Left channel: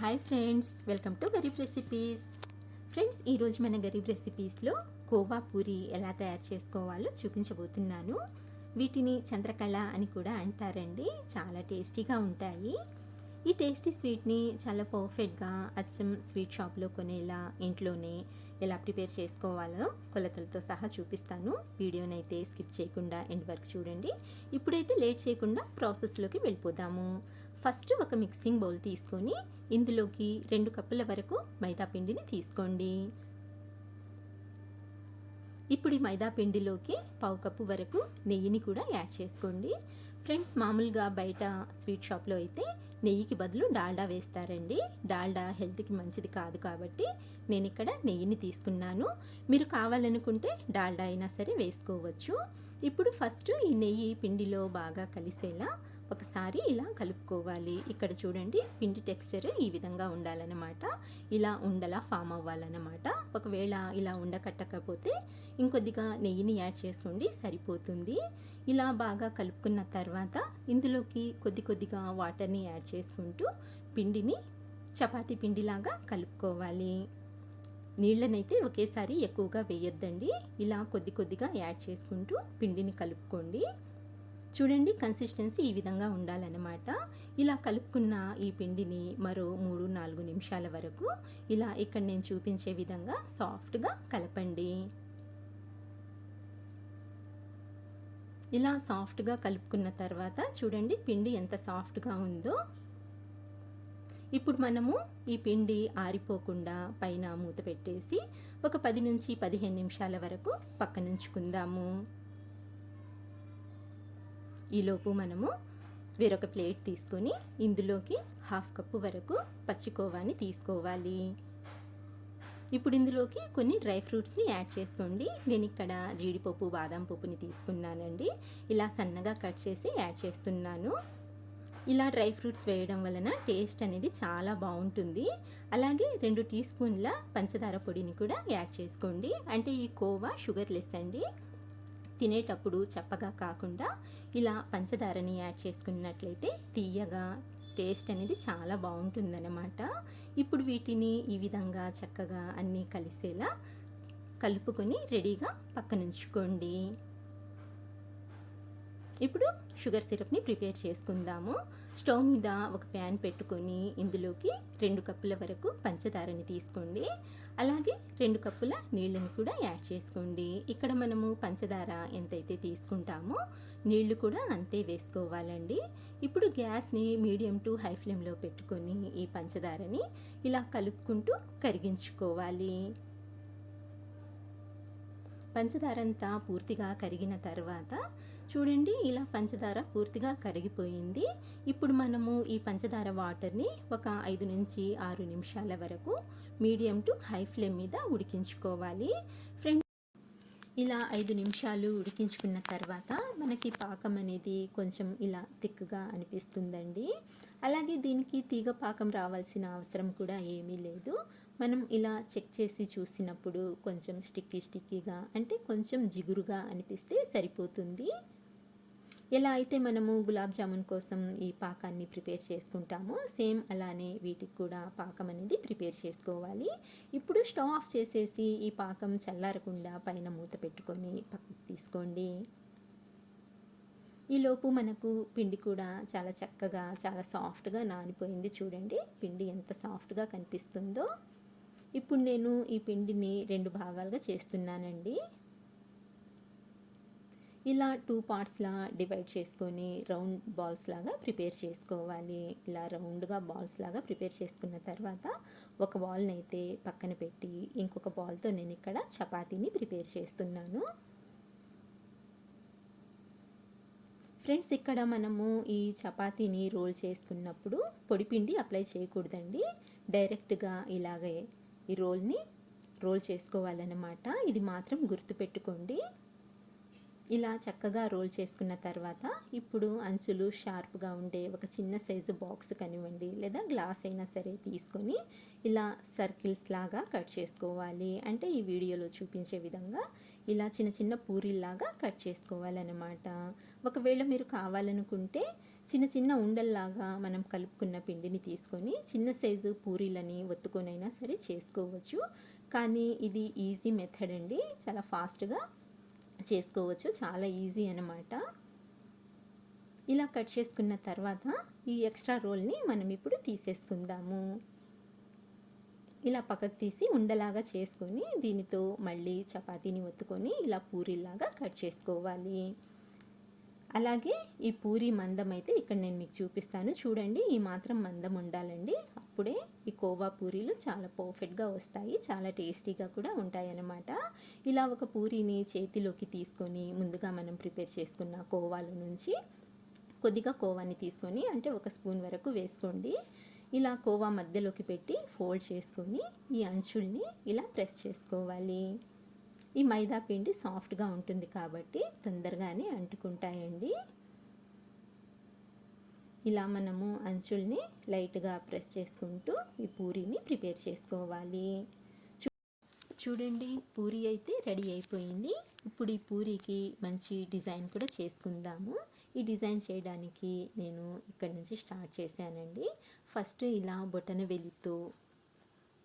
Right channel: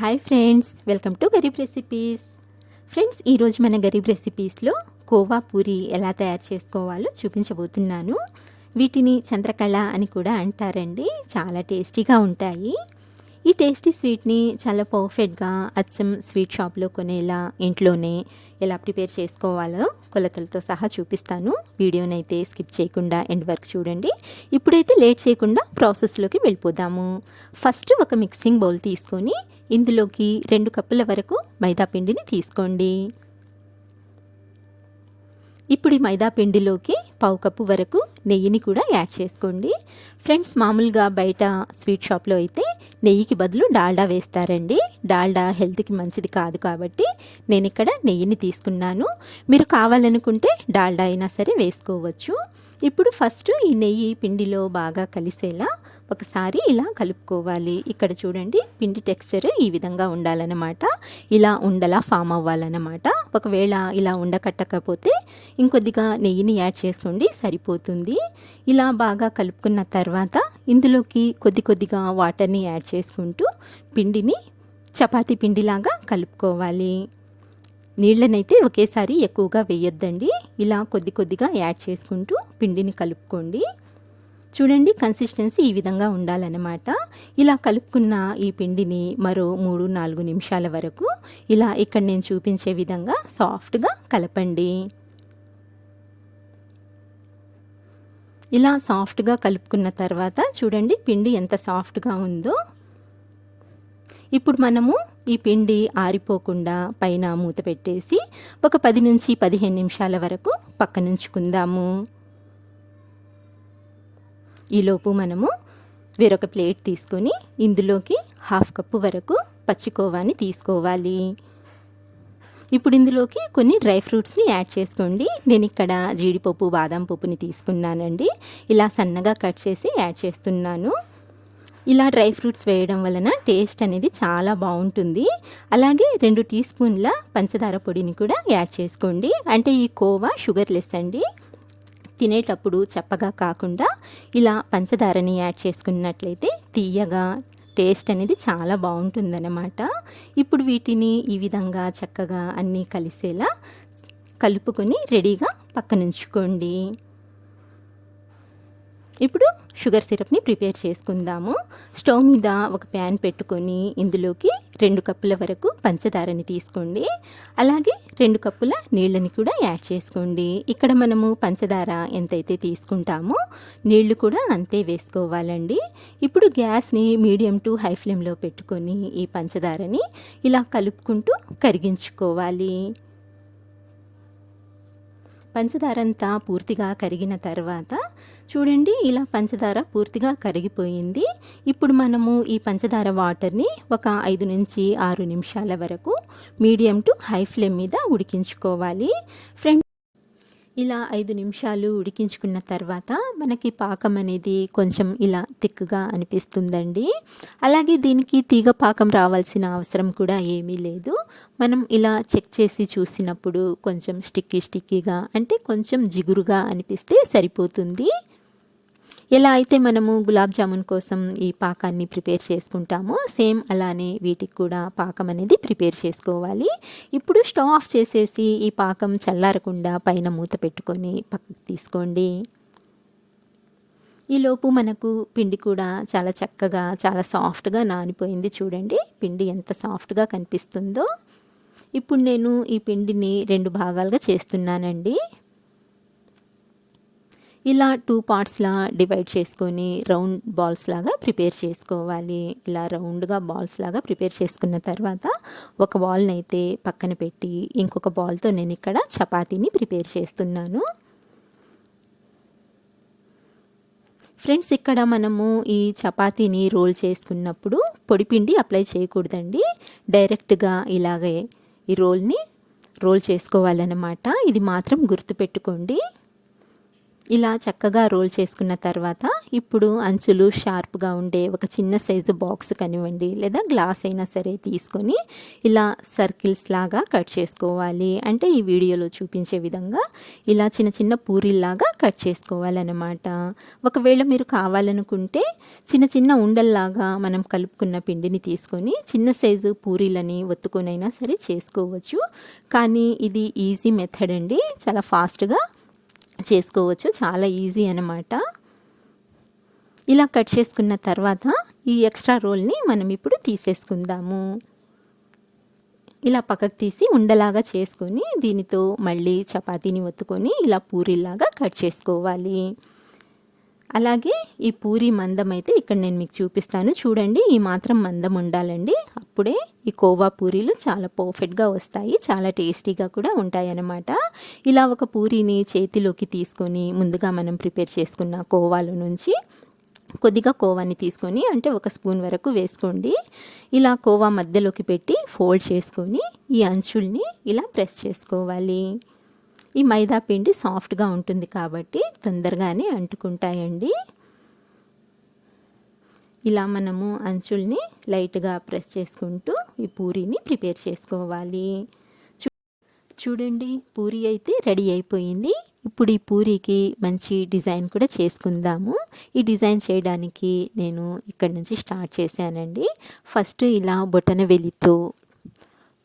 Hi friends, welcome to Garib recipes. Friends, ఈరోజు మన గరీబ్ రెసిపీస్లో కోవా పూరి ఎలా తయారు చేసుకోవాలో చూపించబోతున్నాను. వీటిని చంద్రకళ అని కూడా అంటారండి. చాలా టేస్టీగా ఉంటాయి. ఈ టేస్టీ స్వీట్ని చాలా పర్ఫెక్ట్గా అచ్చం స్వీట్ షాప్లో కొనేలా ఇంట్లోనే ఎలా ప్రిపేర్ చేసుకోవాలో కొలతలతో సహా చూపిస్తాను. వీడియోనైతే స్కిప్ చేయకుండా ఎండ్ వరకు చూడండి. ఇప్పుడైతే లేట్ చేయకుండా ప్రాసెస్లోకి వెళ్ళిపోదాము. ఫస్ట్ ఒక మిక్సింగ్ బౌల్ తీసుకొని ఇందులోకి 2 కప్పుల వరకు మైదా పిండిని తీసుకోండి. ఇప్పుడు ఈ మైదా పిండిలోకి 1/2 కప్పు వరకు నెయ్యిని కూడా యాడ్ చేసుకోండి. ఫ్రెండ్స్, మామూలుగా బయట స్వీట్ షాప్లో అయితే నెయ్యికి బదులు డాల్డా వేస్తారండి. డాల్డా హెల్త్కి మంచిది కాదు కాబట్టి నేను ఇక్కడ నెయ్యిని తీసుకున్నాను. మీరు కావాలనుకుంటే డాల్డా అయినా సరే వేసుకోవచ్చు. ఇప్పుడు ఫస్ట్ ఈ నెయ్యి పిండిలో బాగా కలిసేలా ఒకసారి ఇలా కలుపుకోవాలి. ఇక్కడ చూడండి, పిండి టెక్స్చర్ ఈ విధంగా ఉండాలన్నమాట. ఇలా ఉండలా ఫామ్ అవ్వాలన్నమాట. ఒకవేళ ఇలా ఉండకట్టకపోతే ఇంకొద్దిగా నెయ్యిని యాడ్ చేసుకోండి, సరిపోతుంది. ఇలా బాగా కలుపుకున్న తర్వాత ఇందులోకి కొద్దిగా వాటర్ని యాడ్ చేసుకుంటూ పిండిని చపాతీ పిండిలాగా కలుపుకోవాలి. నీళ్ళనైతే ఒకేసారి ఎక్కువగా వేయొద్దండి. ఇలా కొద్దిగా యాడ్ చేసుకుంటూ పిండిని కలుపుకోండి. చూడండి, కన్సిస్టెన్సీ ఈ విధంగా ఉండాలన్నమాట. ఇలా కలుపుకున్న ఈ పిండిని మరో 3-4 నిమిషాల వరకు ఇలా ఇక్కడ నేను చూపించే విధంగా సాఫ్ట్గా కలపండి. ఇలా సాఫ్ట్గా కలుపుకున్న తర్వాత చూడండి, పిండి ఎంత సాఫ్ట్గా ఉందో. ఇప్పుడు మనము ఈ పిండి ఆరిపోకుండా పైన మూత పెట్టేసి ఒక 10-15 నిమిషాల వరకు పక్కనుంచుకుందాము. ఈలోపు మనము వేరొక ప్లేట్ తీసుకొని ఇందులోకి 1/2 కప్పు వరకు పచ్చికోవాని తీసుకోవాలి. ఇప్పుడు ఇందులోకి కొన్ని డ్రై ఫ్రూట్స్ని యాడ్ చేసుకోండి. నేను ఇక్కడ జీడిపప్పు, బాదం పప్పుని తీసుకున్నానండి. ఇలా సన్నగా కట్ చేసి యాడ్ చేస్తున్నాను. ఇలా డ్రై ఫ్రూట్స్ వేయడం వలన టేస్ట్ అనేది చాలా బాగుంటుంది. అలాగే 2 టీ స్పూన్ల పంచదార పొడిని కూడా యాడ్ చేసుకోండి. అంటే ఈ కోవా షుగర్లెస్ అండి. తినేటప్పుడు చప్పగా కాకుండా ఇలా పంచదారని యాడ్ చేసుకున్నట్లయితే తీయగా టేస్ట్ అనేది చాలా బాగుంటుందన్నమాట. ఇప్పుడు వీటిని ఈ విధంగా చక్కగా అన్నీ కలిసేలా కలుపుకొని రెడీగా పక్కనుంచుకోండి. ఇప్పుడు షుగర్ సిరప్ని ప్రిపేర్ చేసుకుందాము. స్టవ్ మీద ఒక ప్యాన్ పెట్టుకొని ఇందులోకి 2 కప్పుల వరకు పంచదారని తీసుకోండి. అలాగే 2 కప్పుల నీళ్ళని కూడా యాడ్ చేసుకోండి. ఇక్కడ మనము పంచదార ఎంతైతే తీసుకుంటామో నీళ్లు కూడా అంతే వేసుకోవాలండి. ఇప్పుడు గ్యాస్ని మీడియం టు హై ఫ్లేమ్లో పెట్టుకొని ఈ పంచదారని ఇలా కలుపుకుంటూ కరిగించుకోవాలి. పంచదార అంతా పూర్తిగా కరిగిన తర్వాత చూడండి, ఇలా పంచదార పూర్తిగా కరిగిపోయింది. ఇప్పుడు మనము ఈ పంచదార వాటర్ని ఒక 5-6 నిమిషాల వరకు మీడియం టు హై ఫ్లేమ్ మీద ఉడికించుకోవాలి. ఫ్రెండ్స్, ఇలా 5 నిమిషాలు ఉడికించుకున్న తర్వాత మనకి పాకం అనేది కొంచెం ఇలా తిక్కుగా అనిపిస్తుందండి. అలాగే దీనికి తీగ పాకం రావాల్సిన అవసరం కూడా ఏమీ లేదు. మనం ఇలా చెక్ చేసి చూసినప్పుడు కొంచెం స్టిక్కీగా అంటే కొంచెం జిగురుగా అనిపిస్తే సరిపోతుంది. ఎలా అయితే మనము గులాబ్ జామున్ కోసం ఈ పాకాన్ని ప్రిపేర్ చేసుకుంటామో సేమ్ అలానే వీటికి కూడా పాకం అనేది ప్రిపేర్ చేసుకోవాలి. ఇప్పుడు స్టవ్ ఆఫ్ చేసేసి ఈ పాకం చల్లారకుండా పైన మూత పెట్టుకొని పక్కకు తీసుకోండి. ఈలోపు మనకు పిండి కూడా చాలా చక్కగా చాలా సాఫ్ట్గా నానిపోయింది. చూడండి, పిండి ఎంత సాఫ్ట్గా కనిపిస్తుందో. ఇప్పుడు నేను ఈ పిండిని 2 భాగాలుగా చేస్తున్నానండి. ఇలా 2 పార్ట్స్లా డివైడ్ చేసుకొని రౌండ్ బాల్స్ లాగా ప్రిపేర్ చేసుకోవాలి. ఇలా రౌండ్గా బాల్స్ లాగా ప్రిపేర్ చేసుకున్న తర్వాత ఒక బాల్ని అయితే పక్కన పెట్టి ఇంకొక బాల్తో నేను ఇక్కడ చపాతీని ప్రిపేర్ చేస్తున్నాను. ఫ్రెండ్స్, ఇక్కడ మనము ఈ చపాతీని రోల్ చేసుకున్నప్పుడు పొడిపిండి అప్లై చేయకూడదండి. డైరెక్ట్గా ఇలాగే ఈ రోల్ చేసుకోవాలన్నమాట. ఇది మాత్రం గుర్తుపెట్టుకోండి. ఇలా చక్కగా రోల్ చేసుకున్న తర్వాత ఇప్పుడు అంచులు షార్ప్గా ఉండే ఒక చిన్న సైజు బాక్స్ కనివ్వండి లేదా గ్లాస్ అయినా సరే తీసుకొని ఇలా సర్కిల్స్ లాగా కట్ చేసుకోవాలి. అంటే ఈ వీడియోలో చూపించే విధంగా ఇలా చిన్న చిన్న పూరీల్లాగా కట్ చేసుకోవాలన్నమాట. ఒకవేళ మీరు కావాలనుకుంటే చిన్న చిన్న ఉండల్లాగా మనం కలుపుకున్న పిండిని తీసుకొని చిన్న సైజు పూరీలని ఒత్తుకొనైనా సరే చేసుకోవచ్చు. కానీ ఇది ఈజీ మెథడ్ అండి, చాలా ఫాస్ట్గా చేసుకోవచ్చు, చాలా ఈజీ అన్నమాట. ఇలా కట్ చేసుకున్న తర్వాత ఈ ఎక్స్ట్రా రోల్ని మనం ఇప్పుడు తీసేసుకుందాము. ఇలా పక్కకు తీసి ఉండలాగా చేసుకొని దీనితో మళ్ళీ చపాతీని ఒత్తుకొని ఇలా పూరీలాగా కట్ చేసుకోవాలి. అలాగే ఈ పూరీ మందం అయితే ఇక్కడ నేను మీకు చూపిస్తాను చూడండి. ఈ మాత్రం మందం ఉండాలండి, అప్పుడే ఈ కోవా పూరీలు చాలా పర్ఫెక్ట్గా వస్తాయి, చాలా టేస్టీగా కూడా ఉంటాయి అన్నమాట. ఇలా ఒక పూరీని చేతిలోకి తీసుకొని ముందుగా మనం ప్రిపేర్ చేసుకున్న కోవాలో నుంచి కొద్దిగా కోవాని తీసుకొని అంటే ఒక స్పూన్ వరకు వేసుకోండి. ఇలా కోవా మధ్యలోకి పెట్టి ఫోల్డ్ చేసుకొని ఈ అంచుల్ని ఇలా ప్రెస్ చేసుకోవాలి. ఈ మైదా పిండి సాఫ్ట్గా ఉంటుంది కాబట్టి తొందరగానే అంటుకుంటాయండి. ఇలా మనము అంచుల్ని లైట్గా ప్రెస్ చేసుకుంటూ ఈ పూరీని ప్రిపేర్ చేసుకోవాలి. చూడండి, పూరీ అయితే రెడీ అయిపోయింది. ఇప్పుడు ఈ పూరీకి మంచి డిజైన్ కూడా చేసుకుందాము. ఈ డిజైన్ చేయడానికి నేను ఇక్కడ నుంచి స్టార్ట్ చేశానండి. ఫస్ట్ ఇలా బొటన వేలితో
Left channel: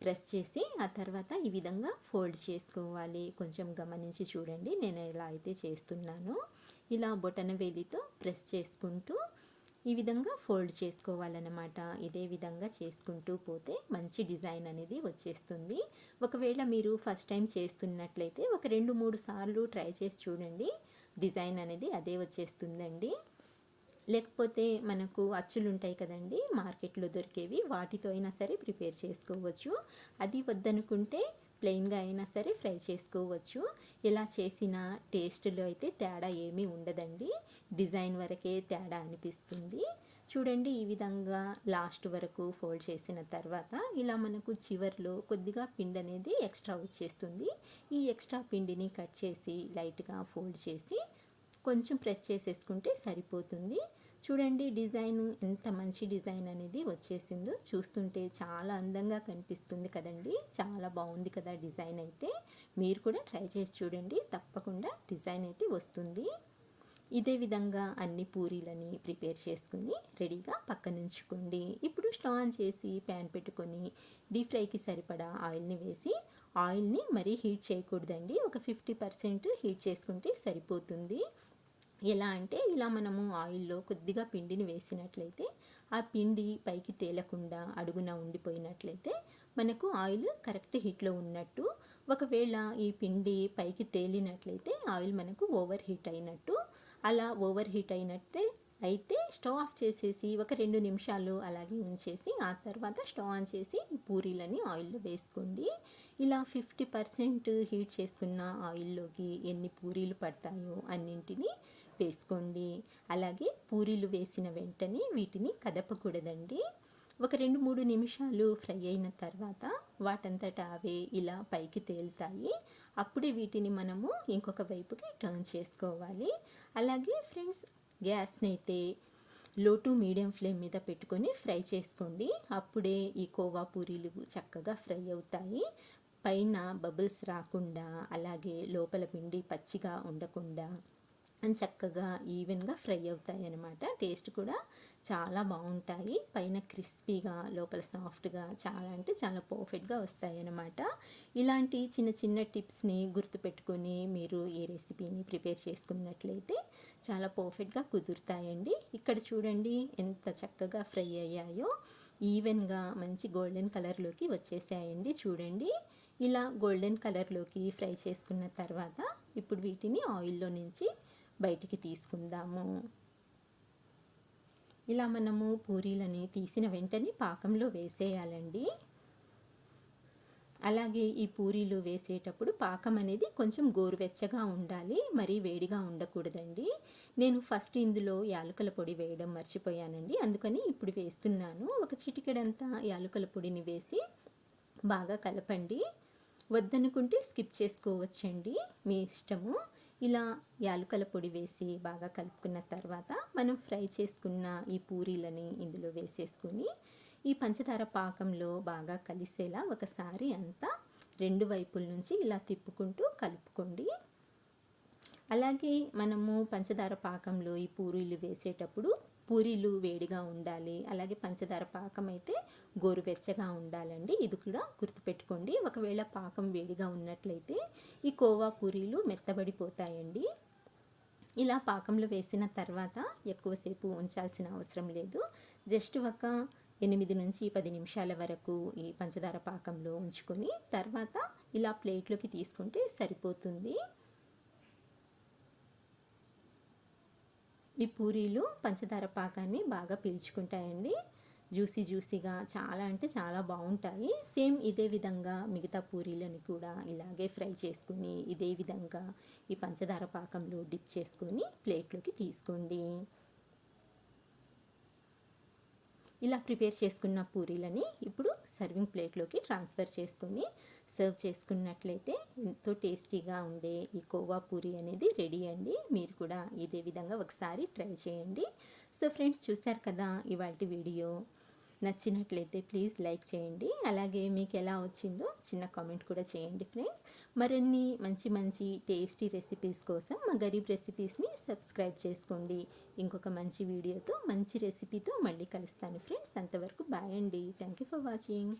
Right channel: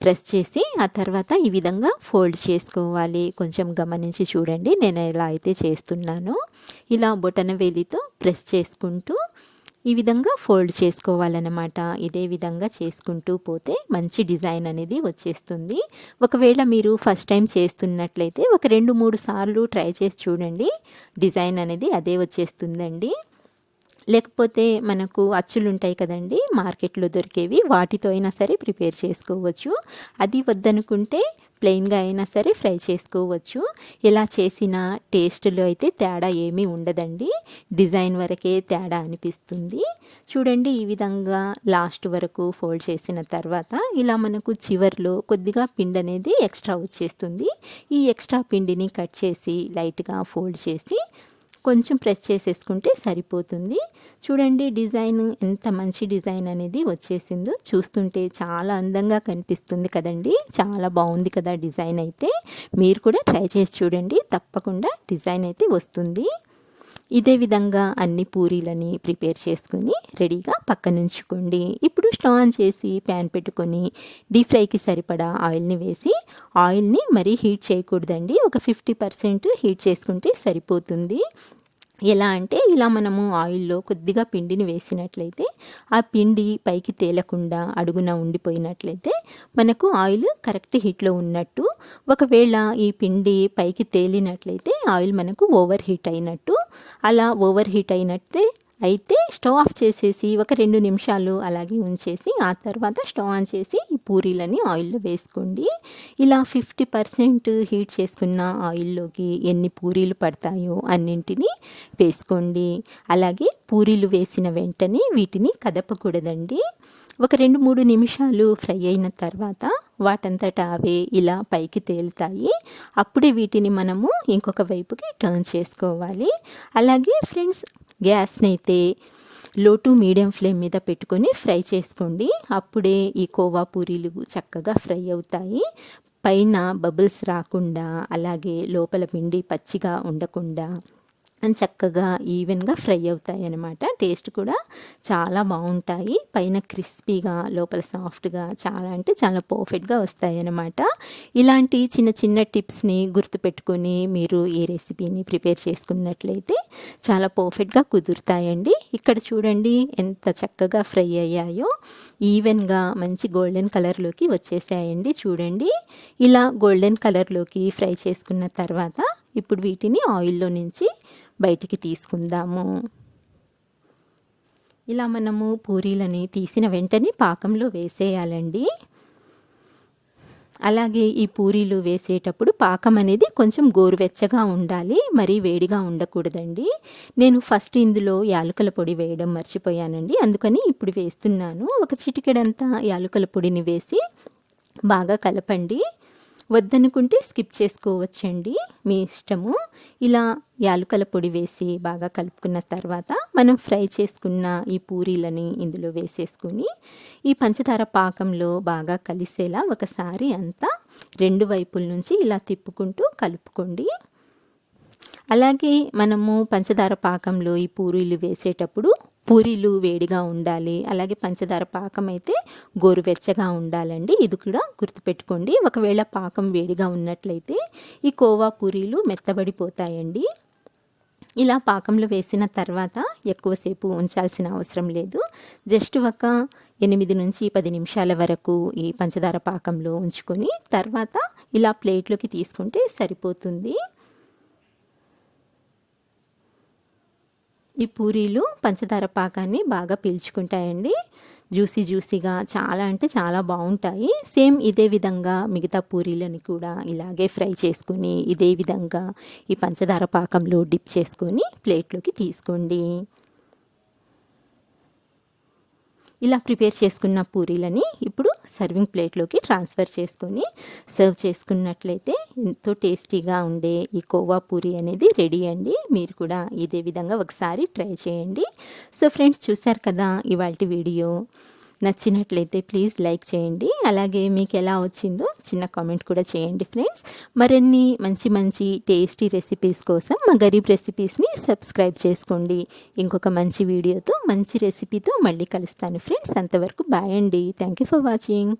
ప్రెస్ చేసి ఆ తర్వాత ఈ విధంగా ఫోల్డ్ చేసుకోవాలి. కొంచెం గమనించి చూడండి నేను ఎలా అయితే చేస్తున్నానో. ఇలా బొటన వేలితో ప్రెస్ చేసుకుంటూ ఈ విధంగా ఫోల్డ్ చేసుకోవాలన్నమాట. ఇదే విధంగా చేసుకుంటూ పోతే మంచి డిజైన్ అనేది వచ్చేస్తుంది. ఒకవేళ మీరు ఫస్ట్ టైం చేస్తున్నట్లయితే ఒక 2-3 సార్లు ట్రై చేసి చూడండి, డిజైన్ అనేది అదే వచ్చేస్తుందండి. లేకపోతే మనకు అచ్చులు ఉంటాయి కదండి మార్కెట్లో దొరికేవి, వాటితో అయినా సరే ప్రిపేర్ చేసుకోవచ్చు. అది వద్దనుకుంటే ప్లెయిన్గా అయినా సరే ఫ్రై చేసుకోవచ్చు. ఎలా చేసిన టేస్ట్లో అయితే తేడా ఏమీ ఉండదండి, డిజైన్ వరకే తేడా అనిపిస్తుంది. చూడండి, ఈ విధంగా లాస్ట్ వరకు ఫోల్డ్ చేసిన తర్వాత ఇలా మనకు చివర్లో కొద్దిగా పిండి అనేది ఎక్స్ట్రా వచ్చేస్తుంది. ఈ ఎక్స్ట్రా పిండిని కట్ చేసి లైట్గా ఫోల్డ్ చేసి కొంచెం ప్రెస్ చేసేసుకుంటే సరిపోతుంది. చూడండి డిజైన్ ఎంత మంచి డిజైన్ అనేది వచ్చేసిందో, చూస్తుంటే చాలా అందంగా కనిపిస్తుంది కదండి. చాలా బాగుంది కదా డిజైన్ అయితే. మీరు కూడా ట్రై చేసి చూడండి, తప్పకుండా డిజైన్ అయితే వస్తుంది. ఇదే విధంగా అన్ని పూరీలని ప్రిపేర్ చేసుకొని రెడీగా పక్కనుంచుకోండి. ఇప్పుడు స్టవ్ ఆన్ చేసి ప్యాన్ పెట్టుకొని డీప్ ఫ్రైకి సరిపడా ఆయిల్ని వేసి, ఆయిల్ని మరీ హీట్ చేయకూడదండి, ఒక 50% హీట్ చేసుకుంటే సరిపోతుంది. ఎలా అంటే ఇలా మనము ఆయిల్లో కొద్దిగా పిండిని వేసినట్లయితే ఆ పిండి పైకి తేలకుండా అడుగున ఉండిపోయినట్లయితే మనకు ఆయిల్ కరెక్ట్ హీట్లో ఉన్నట్టు. ఒకవేళ ఈ పిండి పైకి తేలినట్లయితే ఆయిల్ మనకు ఓవర్ హీట్ అయినట్టు. అలా ఓవర్ హీట్ అయితే స్టవ్ ఆఫ్ చేసేసి ఒక 2 నిమిషాలు అలాగే ఉంచేసి ఆ తర్వాత స్టవ్ ఆన్ చేసి ఈ పూరీలని ఆయిల్లో వేసుకోండి. ఇలా 50% హీట్ చేసుకున్న ఆయిల్లోకి ఎన్ని పూరీలు పడతాయో అన్నింటినీ వేసుకోండి. అలాగే పూరీలు వేసిన వెంటనే వీటిని కదపకూడదండి. ఒక 2-3 నిమిషాలు ఫ్రై అయిన తర్వాత వాటంతట అవే ఇలా పైకి తేలుతాయి. అప్పుడే వీటిని మనము ఇంకొక వైపుకి టర్న్ చేసుకోవాలి. అలాగే ఫ్రెండ్స్, గ్యాస్ని అయితే లో టు మీడియం ఫ్లేమ్ మీద పెట్టుకొని ఫ్రై చేసుకోండి. అప్పుడే ఈ కోవా పూరీలు చక్కగా ఫ్రై అవుతాయి. పైన బబుల్స్ రాకుండా, అలాగే లోపల పిండి పచ్చిగా ఉండకుండా చక్కగా ఈవెన్గా ఫ్రై అవుతాయి అన్నమాట. టేస్ట్ కూడా చాలా బాగుంటాయి. పైన క్రిస్పీగా లోపల సాఫ్ట్గా చాలా అంటే చాలా పర్ఫెక్ట్గా వస్తాయి అన్నమాట. ఇలాంటి చిన్న చిన్న టిప్స్ని గుర్తుపెట్టుకొని మీరు ఈ రెసిపీని ప్రిపేర్ చేసుకున్నట్లయితే చాలా పర్ఫెక్ట్గా కుదురుతాయండి. ఇక్కడ చూడండి ఎంత చక్కగా ఫ్రై అయ్యాయో, ఈవెన్గా మంచి గోల్డెన్ కలర్లోకి వచ్చేసాయండి. చూడండి, ఇలా గోల్డెన్ కలర్లోకి ఫ్రై చేసుకున్న తర్వాత ఇప్పుడు వీటిని ఆయిల్లో నుంచి బయటికి తీసుకుందాము. ఇలా మనము పూరీలని తీసిన వెంటనే పాకంలో వేసేయాలండి. అలాగే ఈ పూరీలు వేసేటప్పుడు పాకం అనేది కొంచెం గోరువెచ్చగా ఉండాలి, మరీ వేడిగా ఉండకూడదండి. నేను ఫస్ట్ ఇందులో యాలకుల పొడి వేయడం మర్చిపోయానండి, అందుకని ఇప్పుడు వేస్తున్నాను. ఒక చిటికెడంతా యాలకుల పొడిని వేసి బాగా కలపండి. వద్దనుకుంటే స్కిప్ చేసుకోవచ్చండి, మీ ఇష్టము. ఇలా యాలుకల పొడి వేసి బాగా కలుపుకున్న తర్వాత మనం ఫ్రై చేసుకున్న ఈ పూరీలని ఇందులో వేసేసుకొని ఈ పంచదార పాకంలో బాగా కలిసేలా ఒకసారి అంతా 2 వైపుల నుంచి ఇలా తిప్పుకుంటూ కలుపుకోండి. అలాగే మనము పంచదార పాకంలో ఈ పూరీలు వేసేటప్పుడు పూరీలు వేడిగా ఉండాలి, అలాగే పంచదార పాకం అయితే గోరువెచ్చగా ఉండాలండి. ఇది కూడా గుర్తుపెట్టుకోండి. ఒకవేళ పాకం వేడిగా ఉన్నట్లయితే ఈ కోవా పూరీలు మెత్తబడిపోతాయండి. ఇలా పాకంలో వేసిన తర్వాత ఎక్కువసేపు ఉంచాల్సిన అవసరం లేదు. జస్ట్ ఒక 8 నుంచి 10 నిమిషాల వరకు ఈ పంచదార పాకంలో ఉంచుకొని తర్వాత ఇలా ప్లేట్లోకి తీసుకుంటే సరిపోతుంది. ఈ పూరీలు పంచదార పాకాన్ని బాగా పీల్చుకుంటాయండి. జ్యూసీగా చాలా అంటే చాలా బాగుంటాయి. సేమ్ ఇదే విధంగా మిగతా పూరీలను కూడా ఇలాగే ఫ్రై చేసుకుని ఇదే విధంగా ఈ పంచదార పాకంలో డిప్ చేసుకొని ప్లేట్లోకి తీసుకోండి. ఇలా ప్రిపేర్ చేసుకున్న పూరీలని ఇప్పుడు సర్వింగ్ ప్లేట్లోకి ట్రాన్స్ఫర్ చేసుకొని సర్వ్ చేసుకున్నట్లయితే ఎంతో టేస్టీగా ఉండే ఈ కోవా పూరీ అనేది రెడీ అండి. మీరు కూడా ఇదే విధంగా ఒకసారి ట్రై చేయండి. సో ఫ్రెండ్స్, చూశారు కదా ఇవాల్టి వీడియో. నచ్చినట్లయితే ప్లీజ్ లైక్ చేయండి. అలాగే మీకు ఎలా వచ్చిందో చిన్న కామెంట్ కూడా చేయండి ఫ్రెండ్స్. మరిన్ని మంచి టేస్టీ రెసిపీస్ కోసం మా గరీబ్ రెసిపీస్ని సబ్స్క్రైబ్ చేసుకోండి. ఇంకొక మంచి వీడియోతో మంచి రెసిపీతో మళ్ళీ కలుస్తాను ఫ్రెండ్స్. అంతవరకు బాయ్ అండి. Thank you for watching.